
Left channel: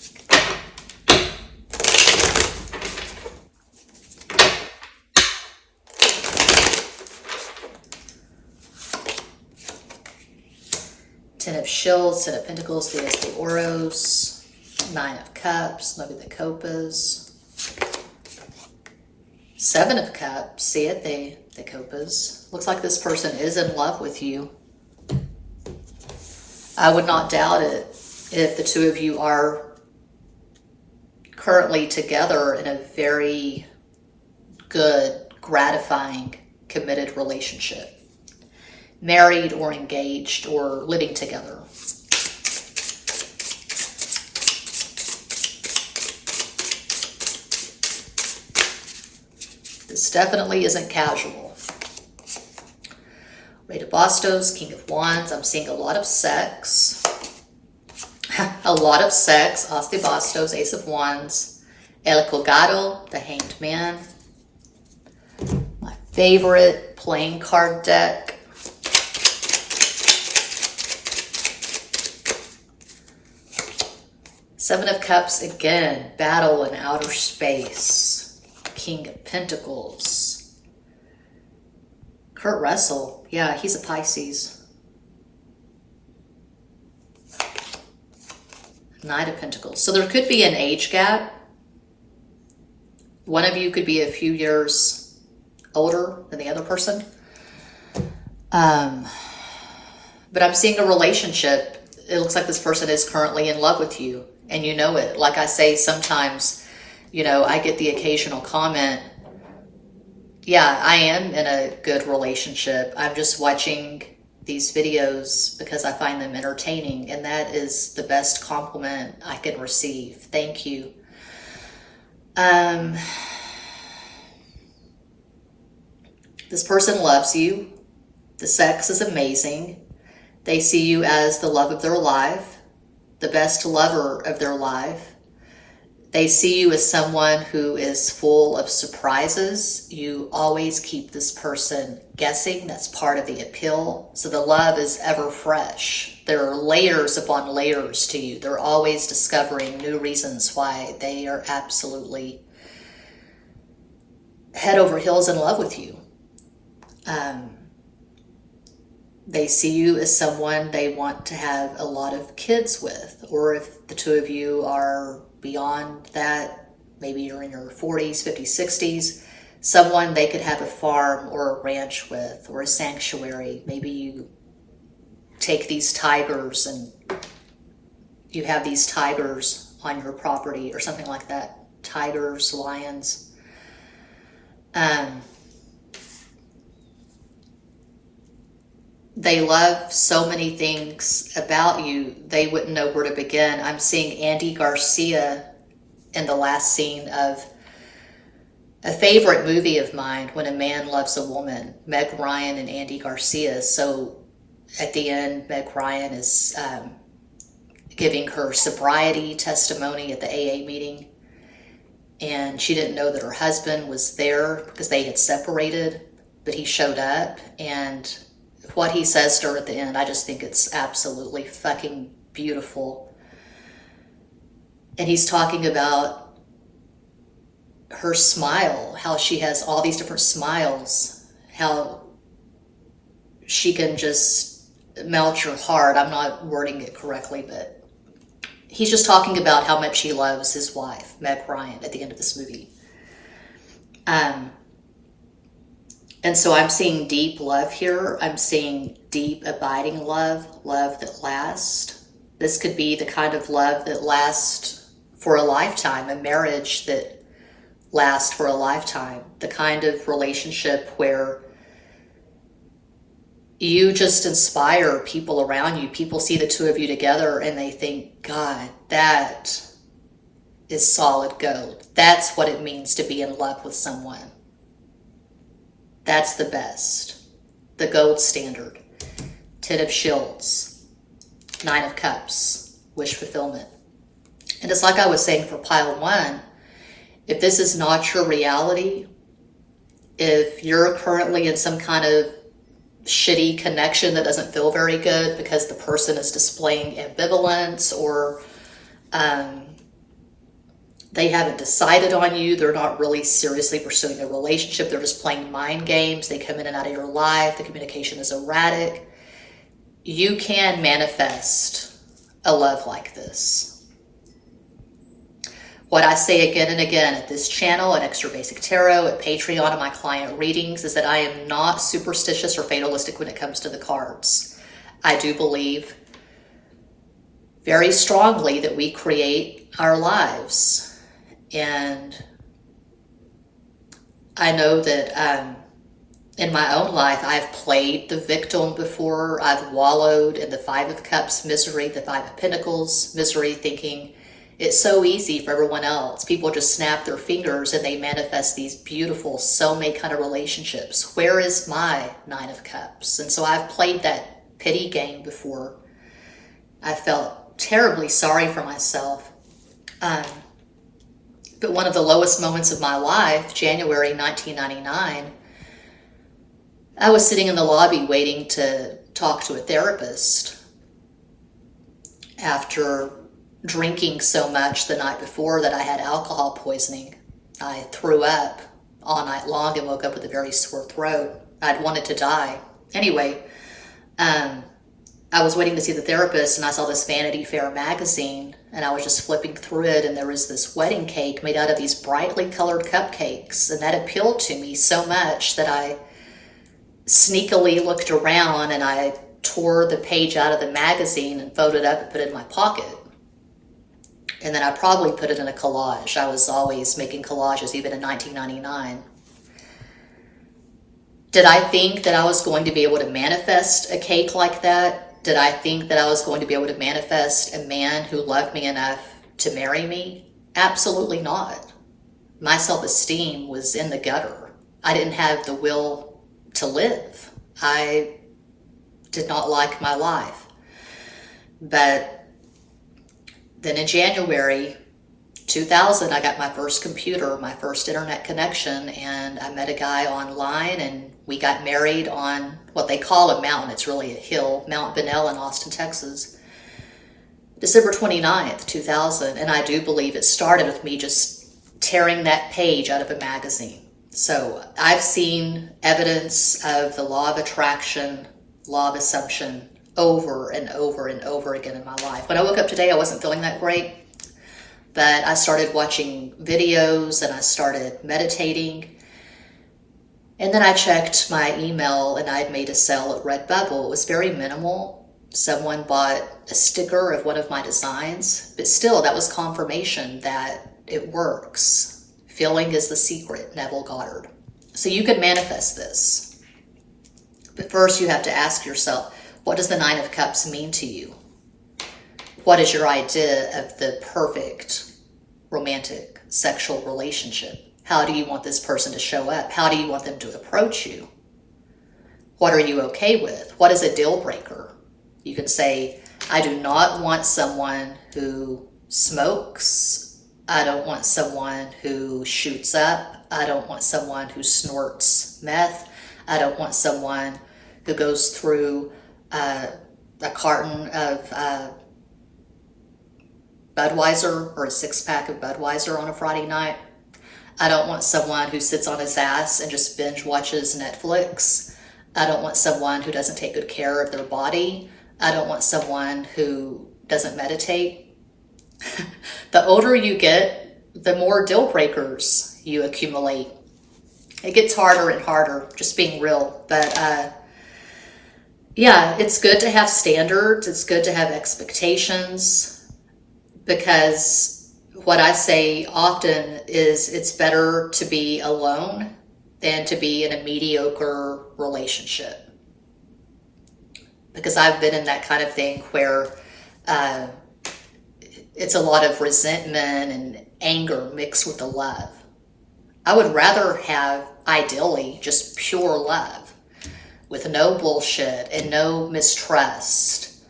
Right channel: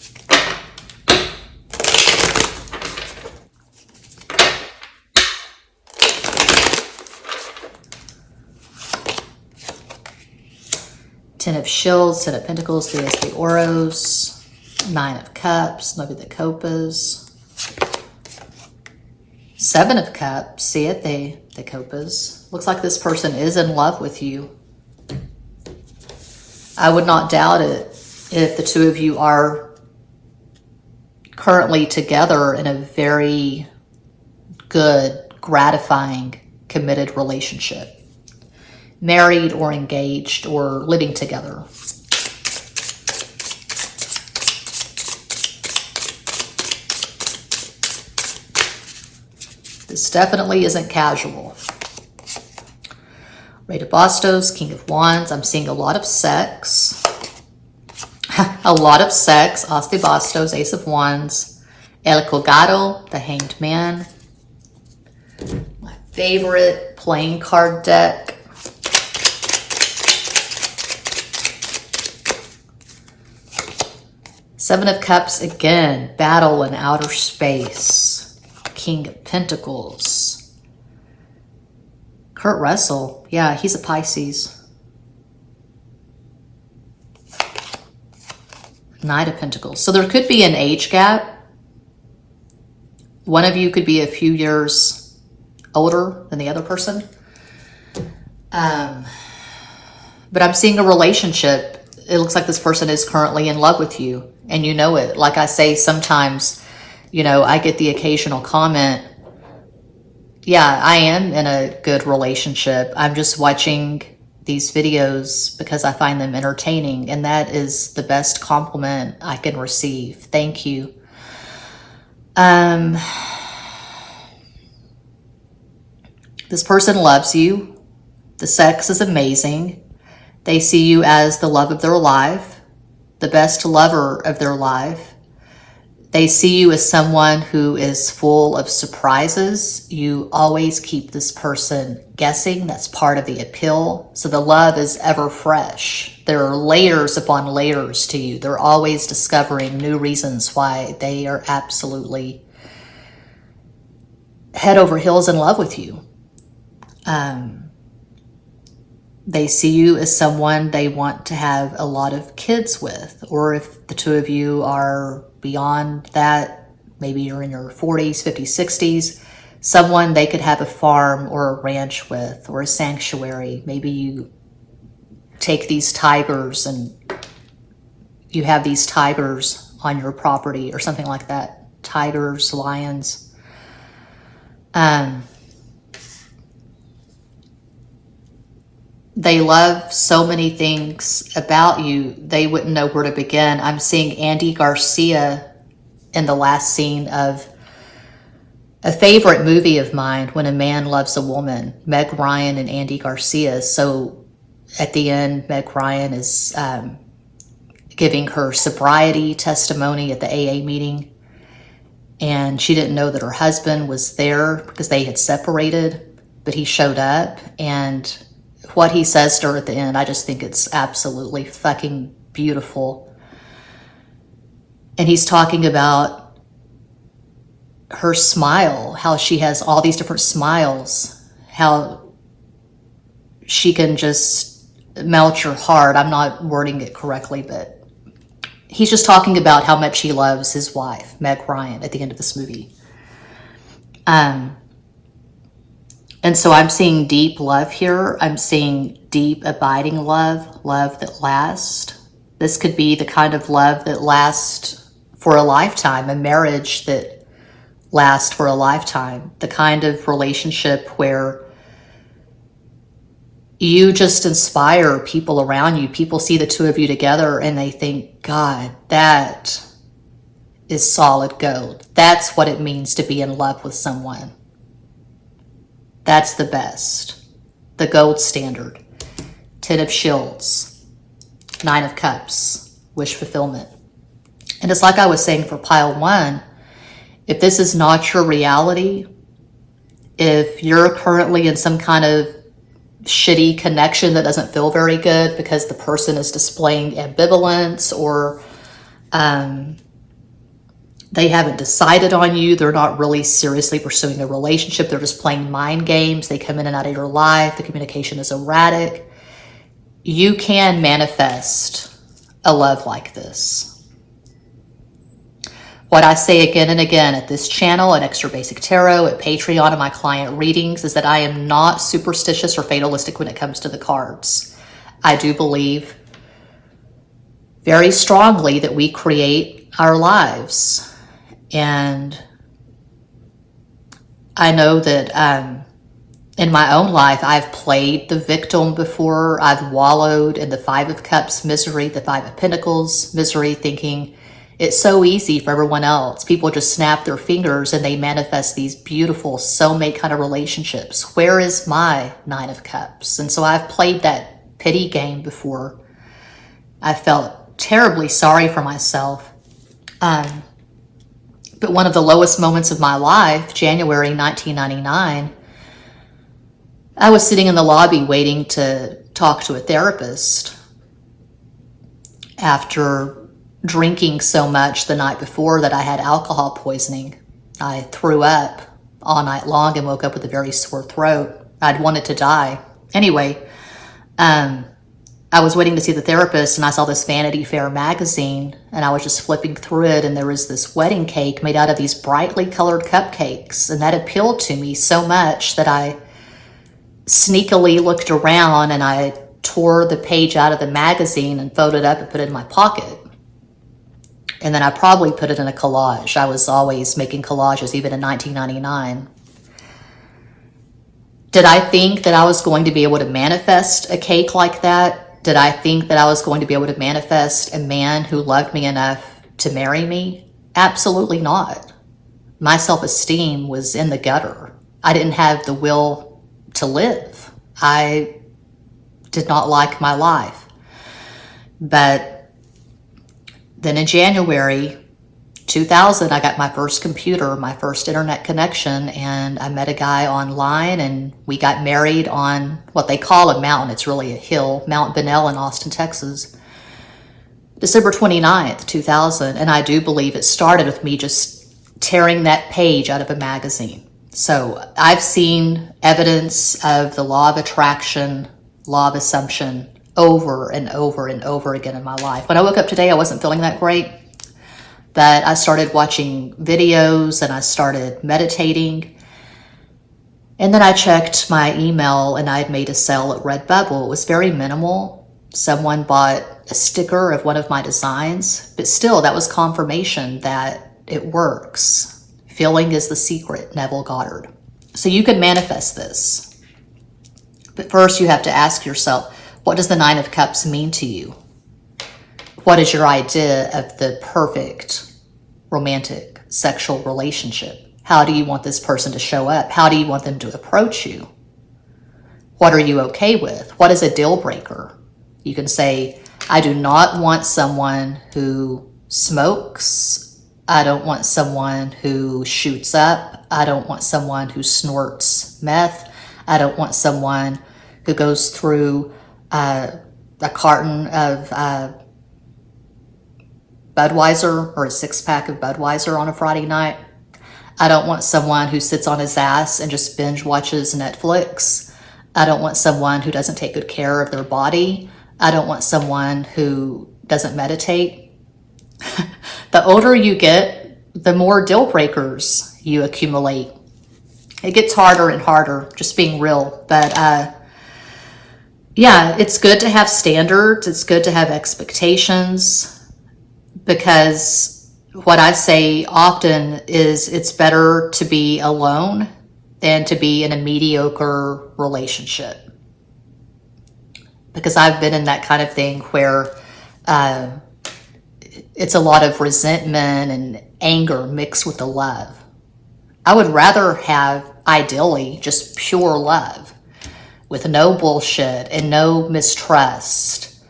Ten of Shields, Ten of Pentacles, 3 de Oros, 9 of Cups, 9 de Copas, 7 of Cups, Siete de Copas. Looks like this person is in love with you. I would not doubt it if the 2 of you are currently together in a very good, gratifying, committed relationship. Married or engaged or living together. This definitely isn't casual. Rey de Bastos, King of Wands. I'm seeing a lot of sex. A lot of sex. As de Bastos, Ace of Wands. El Colgado, the Hanged Man. My favorite playing card deck. Seven of Cups again. Battle in outer space. King of Pentacles. Kurt Russell, yeah, he's a Pisces. Knight of Pentacles. So there could be an age gap. One of you could be a few years older than the other person. But I'm seeing a relationship. It looks like this person is currently in love with you, and you know it. Like I say, sometimes, you know, I get the occasional comment, yeah, I am in a good relationship. I'm just watching these videos because I find them entertaining, and that is the best compliment I can receive. Thank you. This person loves you. The sex is amazing. They see you as the love of their life, the best lover of their life. They see you as someone who is full of surprises. You always keep this person guessing. That's part of the appeal. So the love is ever fresh. There are layers upon layers to you. They're always discovering new reasons why they are absolutely head over heels in love with you. They see you as someone they want to have a lot of kids with, or if the 2 of you are beyond that, maybe you're in your 40s, 50s, 60s, someone they could have a farm or a ranch with, or a sanctuary. Maybe you take these tigers and you have these tigers on your property or something like that. Tigers, lions. They love so many things about you, they wouldn't know where to begin. I'm seeing Andy Garcia in the last scene of A favorite movie of mine, When a Man Loves a Woman, Meg Ryan and Andy Garcia. So at the end, Meg Ryan is giving her sobriety testimony at the AA meeting. And she didn't know that her husband was there because they had separated, but he showed up. And what he says to her at the end, I just think it's absolutely fucking beautiful. And he's talking about her smile, how she has all these different smiles, how she can just melt your heart. I'm not wording it correctly, but he's just talking about how much he loves his wife, Meg Ryan, at the end of this movie. And so I'm seeing deep love here. I'm seeing deep, abiding love, love that lasts. This could be the kind of love that lasts for a lifetime, a marriage that lasts for a lifetime, the kind of relationship where you just inspire people around you. People see the two of you together and they think, God, that is solid gold. That's what it means to be in love with someone. That's the best, the gold standard. 10 of Shields, 9 of Cups, wish fulfillment. And it's like I was saying for pile 1, if this is not your reality, if you're currently in some kind of shitty connection that doesn't feel very good because the person is displaying ambivalence or they haven't decided on you, they're not really seriously pursuing a relationship, they're just playing mind games, they come in and out of your life, the communication is erratic, you can manifest a love like this. What I say again and again at this channel, at Extra Basic Tarot, at Patreon, and my client readings, is that I am not superstitious or fatalistic when it comes to the cards. I do believe very strongly that we create our lives. And I know that in my own life, I've played the victim before. I've wallowed in the 5 of Cups misery, the 5 of Pentacles misery, thinking, it's so easy for everyone else. People just snap their fingers and they manifest these beautiful soulmate kind of relationships. Where is my 9 of Cups? And so I've played that pity game before. I felt terribly sorry for myself. But one of the lowest moments of my life, January 1999, I was sitting in the lobby waiting to talk to a therapist after drinking so much the night before that I had alcohol poisoning. I threw up all night long and woke up with a very sore throat. I'd wanted to die. Anyway, I was waiting to see the therapist and I saw this Vanity Fair magazine and I was just flipping through it and there was this wedding cake made out of these brightly colored cupcakes, and that appealed to me so much that I sneakily looked around and I tore the page out of the magazine and folded up and put it in my pocket. And then I probably put it in a collage. I was always making collages, even in 1999. Did I think that I was going to be able to manifest a cake like that? Did I think that I was going to be able to manifest a man who loved me enough to marry me? Absolutely not. My self-esteem was in the gutter. I didn't have the will to live. I did not like my life. But then in January 2000, I got my first computer, my first internet connection, and I met a guy online and we got married on what they call a mountain. It's really a hill, Mount Bunnell in Austin, Texas. December 29th, 2000. And I do believe it started with me just tearing that page out of a magazine. So I've seen evidence of the law of attraction, law of assumption, over and over and over again in my life. When I woke up today, I wasn't feeling that great, but I started watching videos and I started meditating. And then I checked my email and I had made a sale at Redbubble. It was very minimal. Someone bought a sticker of one of my designs, but still that was confirmation that it works. Feeling is the secret, Neville Goddard. So you can manifest this. But first you have to ask yourself, what does the 9 of Cups mean to you? What is your idea of the perfect romantic sexual relationship? How do you want this person to show up? How do you want them to approach you? What are you okay with? What is a deal breaker? You can say, I do not want someone who smokes. I don't want someone who shoots up. I don't want someone who snorts meth. I don't want someone who goes through a carton of Budweiser or a 6-pack of Budweiser on a Friday night. I don't want someone who sits on his ass and just binge watches Netflix. I don't want someone who doesn't take good care of their body. I don't want someone who doesn't meditate. The older you get, the more deal breakers you accumulate. It gets harder and harder, just being real. But yeah, it's good to have standards. It's good to have expectations, because what I say often is it's better to be alone than to be in a mediocre relationship. Because I've been in that kind of thing where it's a lot of resentment and anger mixed with the love. I would rather have, ideally, just pure love with no bullshit and no mistrust.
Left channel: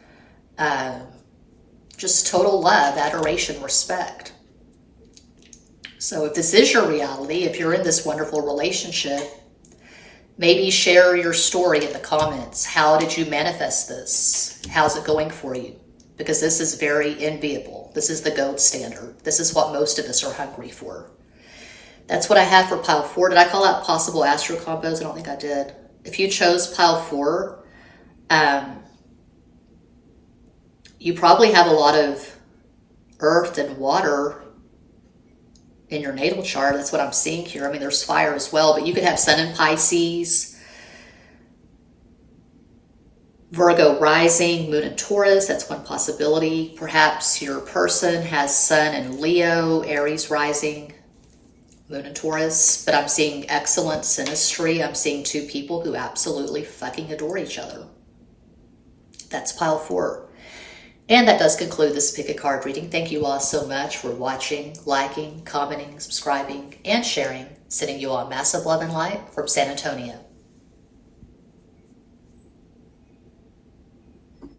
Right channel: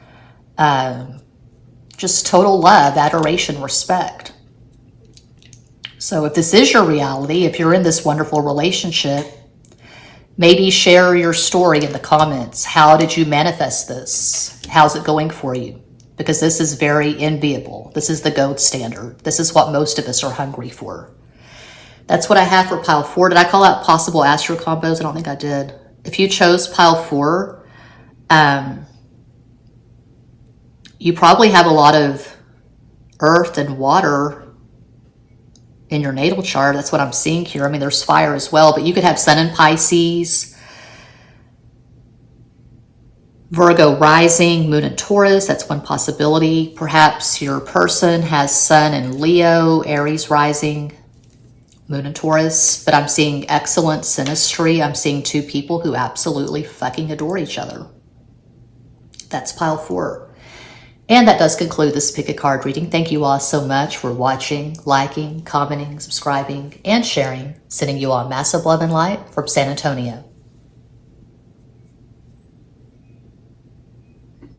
Just total love, adoration, respect. So if this is your reality, if you're in this wonderful relationship, maybe share your story in the comments. How did you manifest this? How's it going for you? Because this is very enviable. This is the gold standard. This is what most of us are hungry for. That's what I have for pile 4. Did I call out possible astro combos? I don't think I did. If you chose pile 4, you probably have a lot of earth and water in your natal chart. That's what I'm seeing here. I mean, there's fire as well, but you could have Sun in Pisces, Virgo rising, Moon in Taurus. That's one possibility. Perhaps your person has Sun in Leo, Aries rising, Moon in Taurus. But I'm seeing excellent synastry. I'm seeing 2 people who absolutely fucking adore each other. That's pile 4. And that does conclude this pick a card reading. Thank you all so much for watching, liking, commenting, subscribing, and sharing. Sending you all massive love and light from San Antonio.